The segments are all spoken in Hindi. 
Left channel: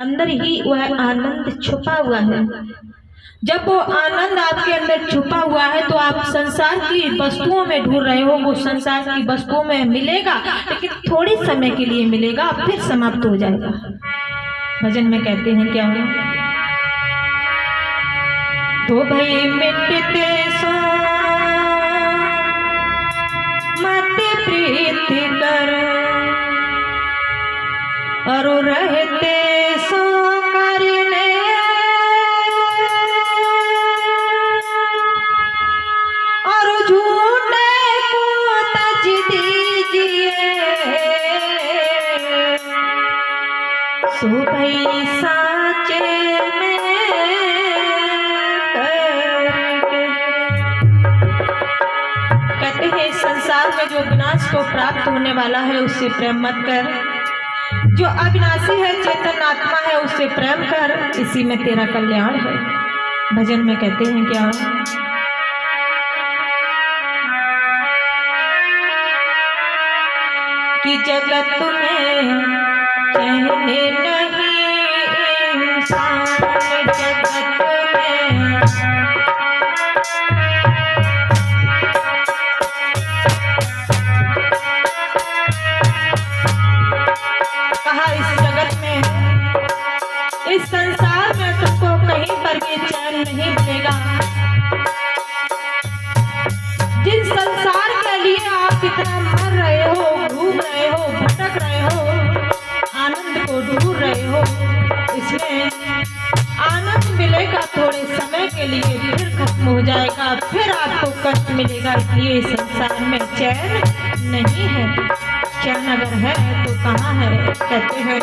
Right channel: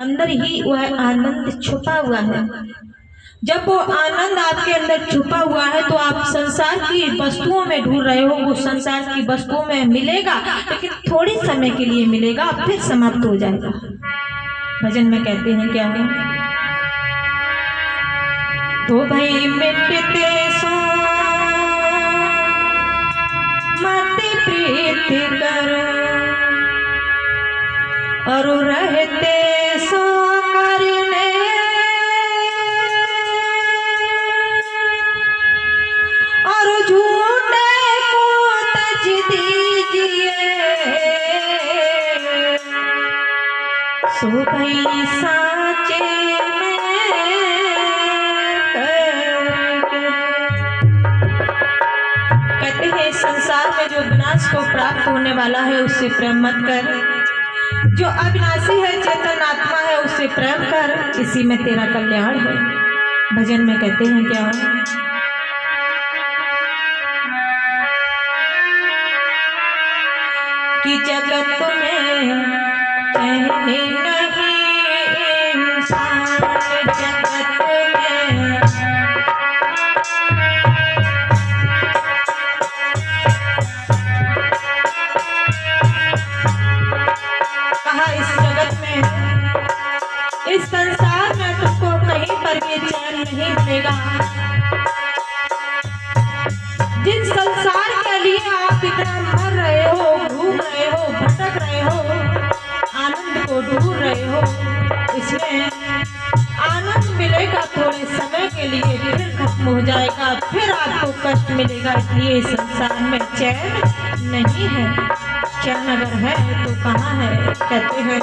अंदर ही वह आनंद छुपा हुआ है। जब वो आनंद आपके अंदर छुपा हुआ है तो आप संसार की वस्तुओं में ढूंढ रहे हो, वो संसार की वस्तुओं में मिलेगा, लेकिन थोड़ी समय के लिए मिलेगा, फिर समाप्त हो जाएगा। भजन में कहते हैं क्या हो, तो भाई मिटते सो मत प्रीत कर, और रहते सो करने, और झूठे को तज दीजिए, सो भाई साचे में करके। कहते हैं संसार में जो विनाश को प्राप्त होने वाला है उससे प्रेम मत कर, जो अविनाशी है चेतन आत्मा है उससे प्रेम कर, इसी में तेरा कल्याण है। भजन में कहते हैं क्या, कि जगत में कहने नहीं इंसान, जगत में कहा, इस जगत में, इस संसार में तुमको कहीं पर भी चैन नहीं मिलेगा। जिस संसार के लिए आप इतना मर रहे हो, घूम रहे हो, भटक रहे हो, आनंद को ढूंढ रहे हो, इसमें आनंद मिलेगा थोड़े समय के लिए, फिर खत्म हो जाएगा, फिर आपको कष्ट मिलेगा। इसलिए संसार में चैन नहीं है। चैन अगर है तो कहाँ है? कहते हैं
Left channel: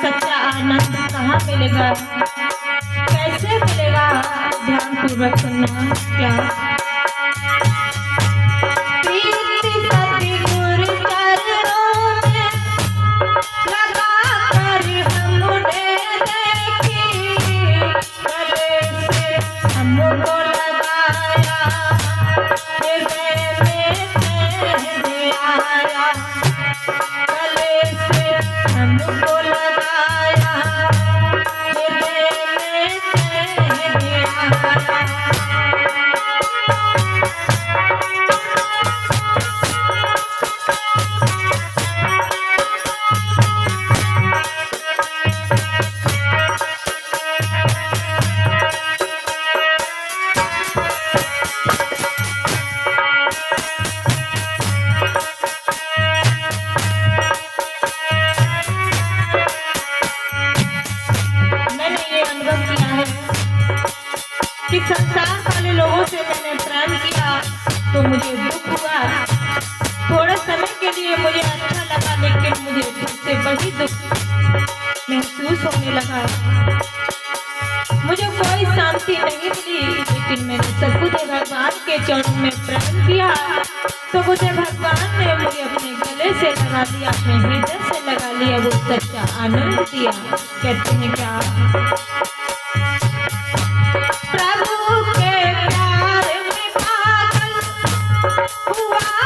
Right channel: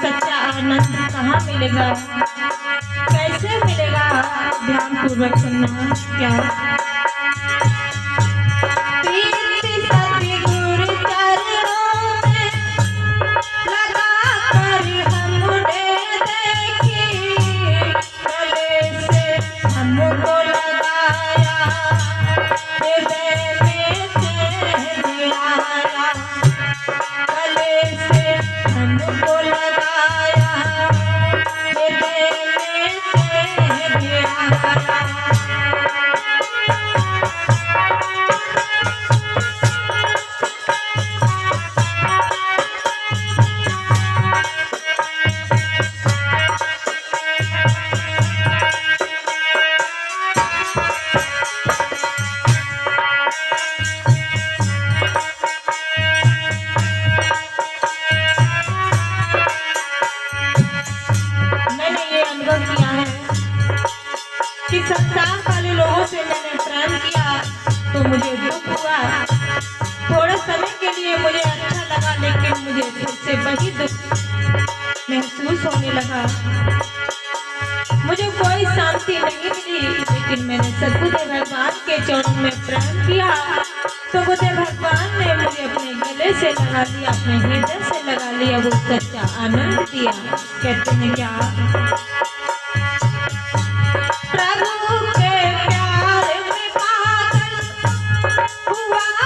सच्चा आनंद कहाँ मिलेगा, कैसे मिलेगा? ध्यान पूर्वक सुनना। क्या कि संसार वाले लोगों से मैंने प्रेम किया तो मुझे दुख हुआ, थोड़े समय के लिए मुझे अच्छा लगा, लेकिन मुझे फिर से वही दुख महसूस होने लगा। मुझे कोई शांति नहीं मिली, लेकिन मैंने सद्गुरु भगवान के चरणों में प्रेम किया तो मुझे भगवान ने मुझे अपने गले से लगा लिया, अपने हृदय से लगा लिया, वो सच्चा आनंद दिया। कहते हैं क्या, प्रभु के प्यार में पागल हुआ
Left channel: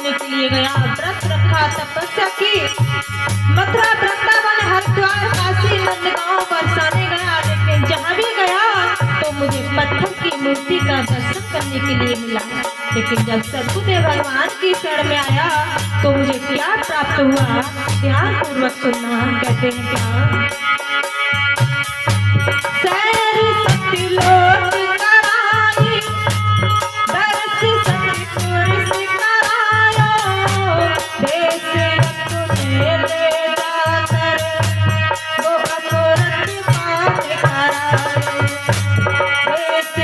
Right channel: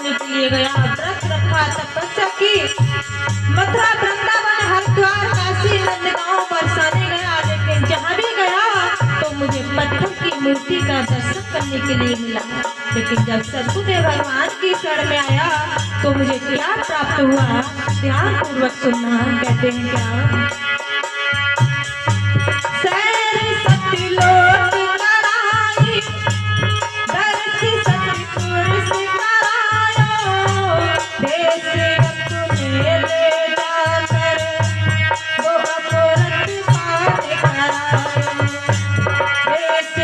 करने के लिए गया, व्रत रखा, तपस्या की, मथुरा, वृंदावन, हरिद्वार, काशी, नंदगांव बरसाने गया, लेकिन जहाँ भी गया तो मुझे पत्थर की मूर्ति का दर्शन करने के लिए मिला। लेकिन जब सद्गुरुदेव भगवान की शरण में आया तो मुझे क्या प्राप्त हुआ, ध्यान पूर्वक सुनना। कहते हैं क्या, सैरी सतलोक कराई, दर्श सतपुर सिखायो, देश तुम्हें ले जाकर वो अमृत पान करायो, देश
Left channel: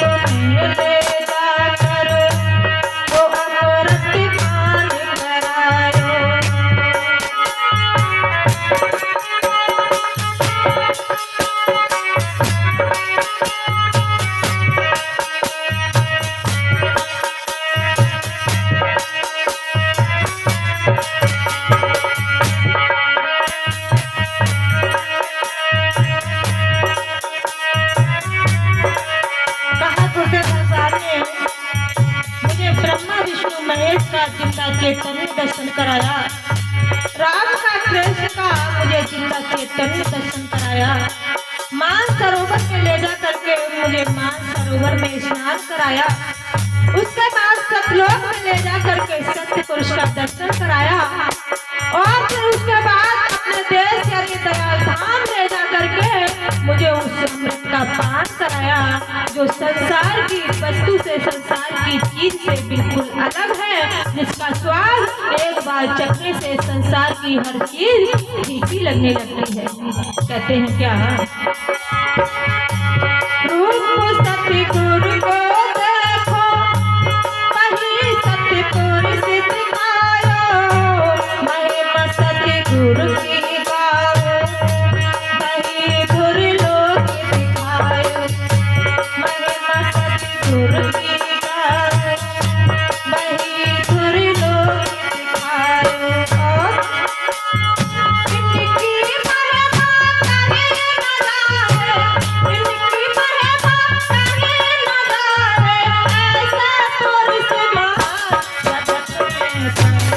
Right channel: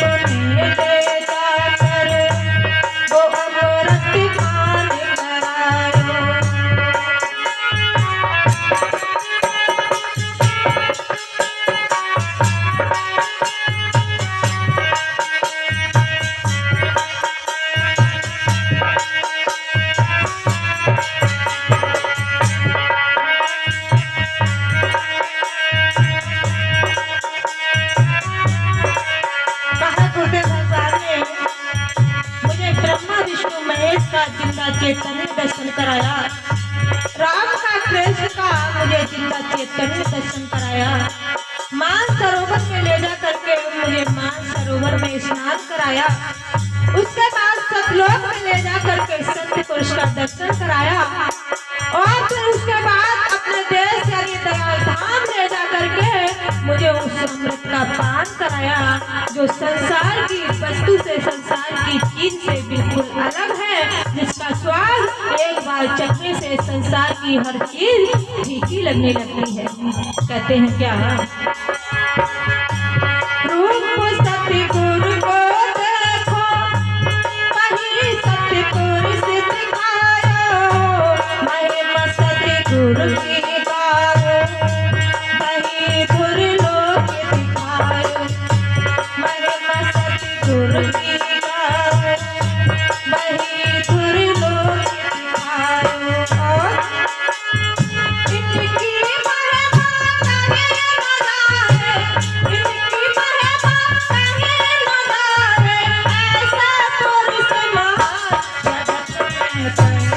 तुम्हें ले जाकर वो अमृत पान करायो। मुझे ब्रह्मा विष्णु महेश का जिंदा चैतन्य दर्शन कराया, राम का कृष्ण का मुझे जिंदा चैतन्य दर्शन कराया, मान सरोवर में ले जा करके मुझे मान सरोवर में स्नान कराया, उसके बाद सतलोक में ले जा करके सत्य पुरुष का दर्शन कराया, और फिर उसके बाद अपने देश यानी धाम ले जा करके मुझे उस अमृत का पान कराया, जो संसार की वस्तु से, संसार की चीज से बिल्कुल अलग है, जिसका स्वाद एक बार चखने से संसार की हर चीज फीकी लगने लगती है। कहते हैं क्या, रूप सतगुरु को देखो, वही सतगुरु से सिखायो, महिमा सतगुरु की गाओ, वही धुर लोक सिखायो, महिमा सतगुरु की गाओ, वही धुर लोक सिखायो। इनकी महिमा कहे न जाने, इनकी महिमा कहे न जाने, ऐसे तुर समान जगत में कहीं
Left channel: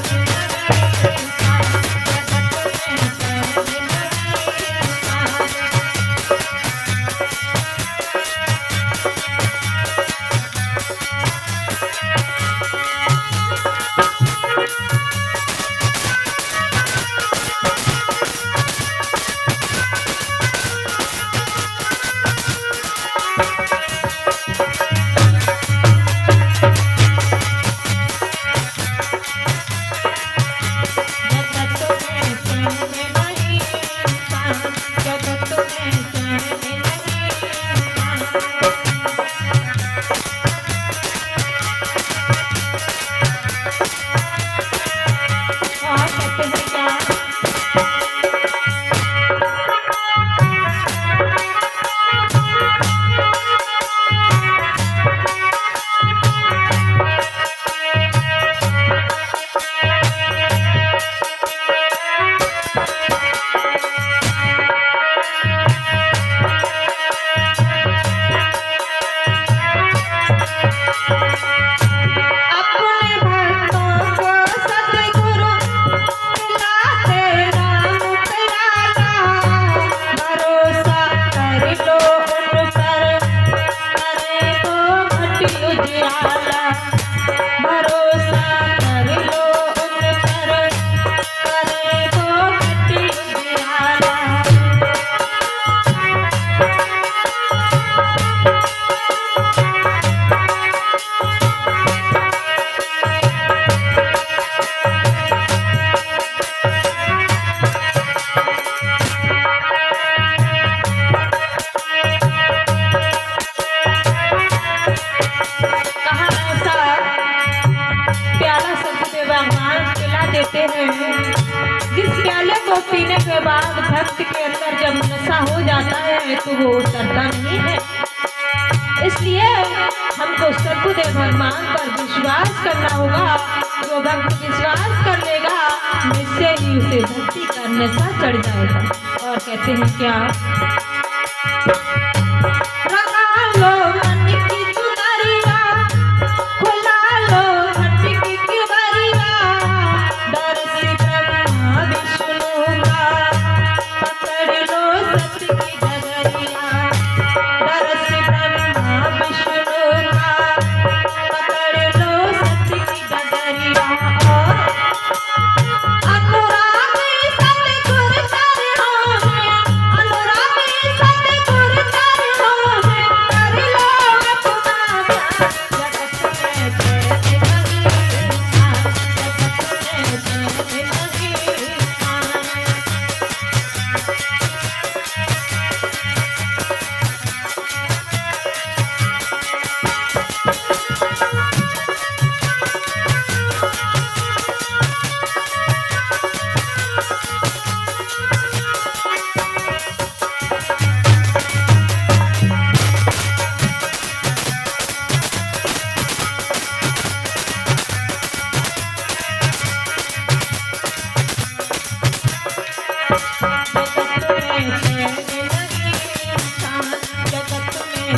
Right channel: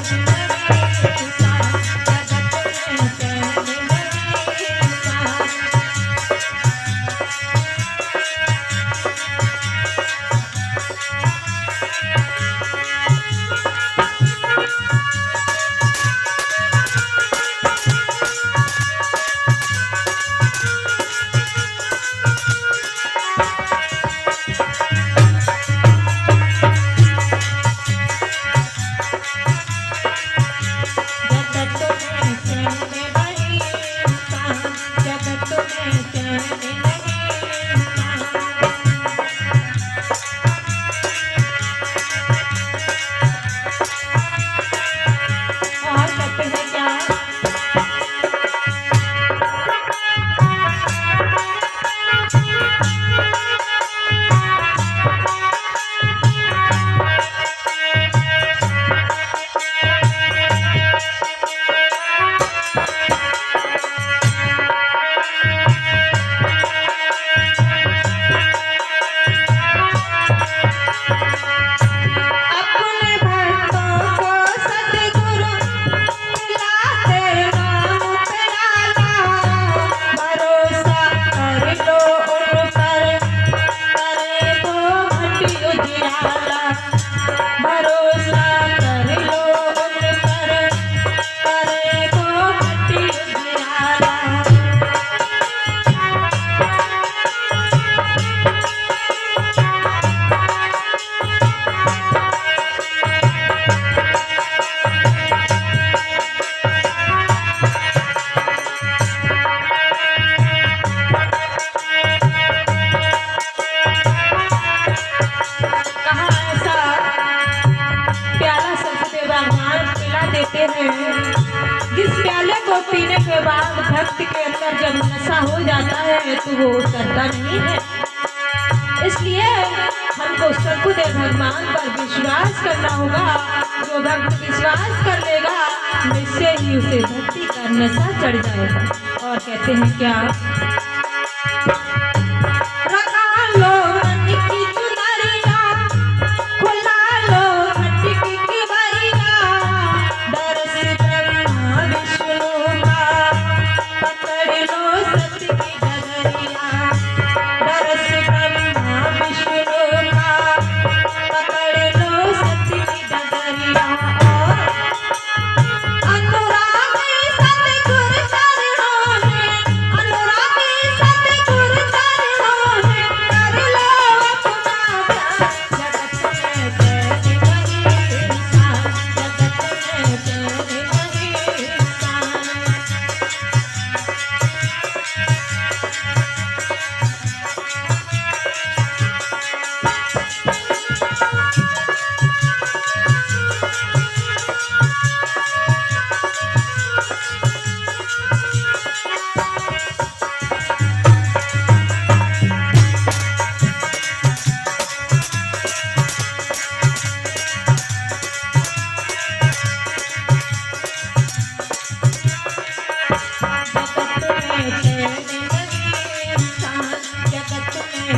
पीने के बाद भक्त के अंदर जब नशा हो जाता है तो वो उतरता नहीं है। इसलिए हमको सद्गुरुदेव भगवान पर विश्वास करना होगा। जो भक्त विश्वास कर लेगा निश्चय ही उसे भक्ति का नशा चढ़ जाएगा। और कहते हैं क्या, खुला लो हट की बारी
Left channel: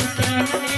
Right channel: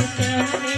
प्राण